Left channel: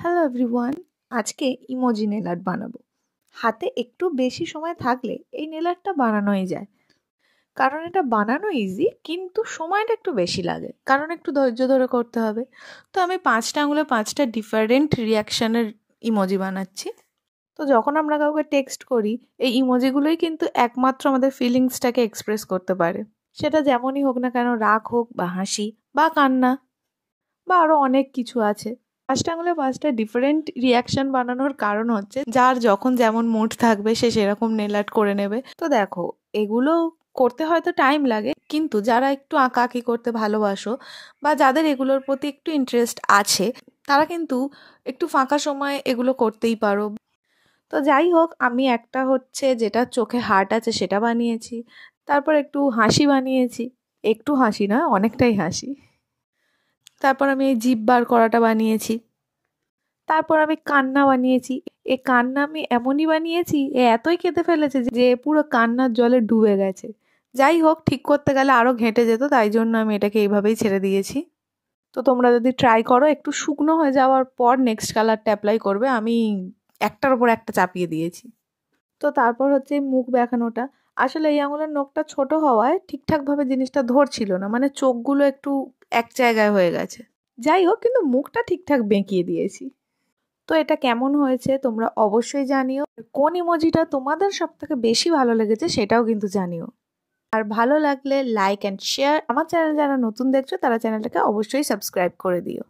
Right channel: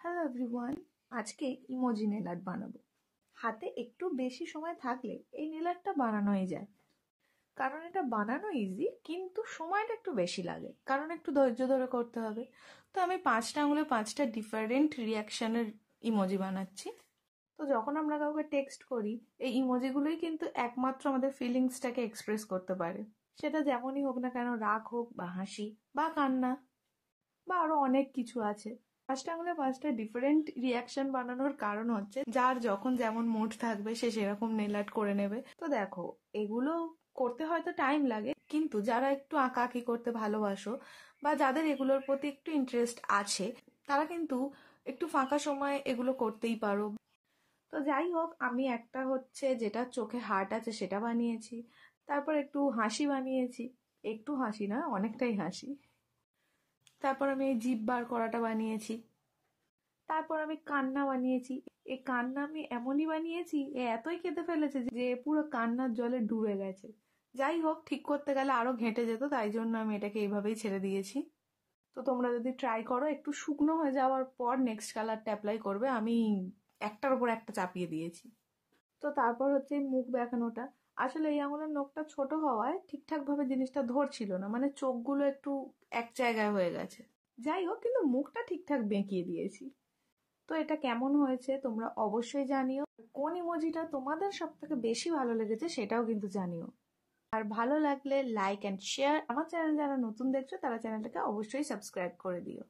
Hello everyone, আজকে emoji nail art বানাবো। হাতে একটু বেশি সময় থাকলে এই নেল আর্টটা বানানোই যায়, কারণ এটা বানানো ইজি, কিন্তু সময়টা একটু বেশি লাগে, কারণ একটু ধৈর্য ধরে করতে হবে। তো আমি 5টা আঙুলে 5টা ডিফারেন্ট রিয়াকশানের ইমোজি বানাচ্ছি। তো যখন আমরা কাউকে টেক্সট করি, এই ইমোজিগুলোই কিন্তু একমাত্র আমাদের ফিলিংসটাকে এক্সপ্রেস করতে পারে। সেটা যেমনই হোক না কেন, রাগ হোক বা হাসি বা কান্না বা আরও অনেক কিছু আছে। 5টা আঙুলে 5টা ডিফারেন্ট রিয়াকশন বানানোর কারণ হচ্ছে, যার যখন যেমন মুড থাকবে সে সেরকম নেল আর্ট করে নেবে। তো দেখো, এগুলো করতে হয়তো টাইম লাগে, কিন্তু যারা একটু আঁকাআঁকি করতে ভালোবাসো বা যাদের এগুলোর প্রতি একটু ইন্টারেস্ট আছে, তারা কিন্তু একটু ফাঁকা সময় এগুলো করতেই পারো। তো যাই হোক, আমি একটা হচ্ছে যেটা চোখে হার্ট আছে সেটা বানিয়েছি, তারপর একটু হাসি বানিয়েছি, একটু হাসি না, অনেকটাই হাসি। তারপর আমি এই জিভ বার করাটা বানিয়েছি। তারপর আমি কান্না বানিয়েছি। এই কান্না আমি এমনই বানিয়েছি, এতই কেঁদে ফেলেছে যে পুরো কান্নার জলে ডুবে গেছে। যাই হোক, ঠিক করতে গেলে আরও ঘেঁটে যেত, তাই জন্য আমি এটাকে এইভাবেই ছেড়ে দিয়েছি। তো তোমরা যদি ট্রাই করো, একটু শুকনো হয়ে যাওয়ার পর নেক্সট কালারটা অ্যাপ্লাই করবে। আমি একটার উপর একটা চাপিয়ে দিয়েছি। তো তারপর হচ্ছে মুখ দেখানোটা। আসলে এই আঙুলের নখটা ছোট হওয়ায় ঠিকঠাকভাবে জিনিসটা ধরছিল না, মানে চোখগুলো একটু এক জায়গায় হয়ে গেছে। যাই হোক, কিন্তু মুখটা ঠিকঠাক বেঁকিয়ে দিয়েছি। তো এটা কেমন হয়েছে তোমরা অবশ্যই জানিও। কোন ইমোজিটা তোমাদের সবথেকে বেশি ভালো লেগেছে সেটাও কিন্তু জানিও। আর ভালো লাগলে লাইক অ্যান্ড শেয়ার। আমার চ্যানেল যারা নতুন দেখছো তারা চ্যানেলটাকে অবশ্যই সাবস্ক্রাইব করে দিও।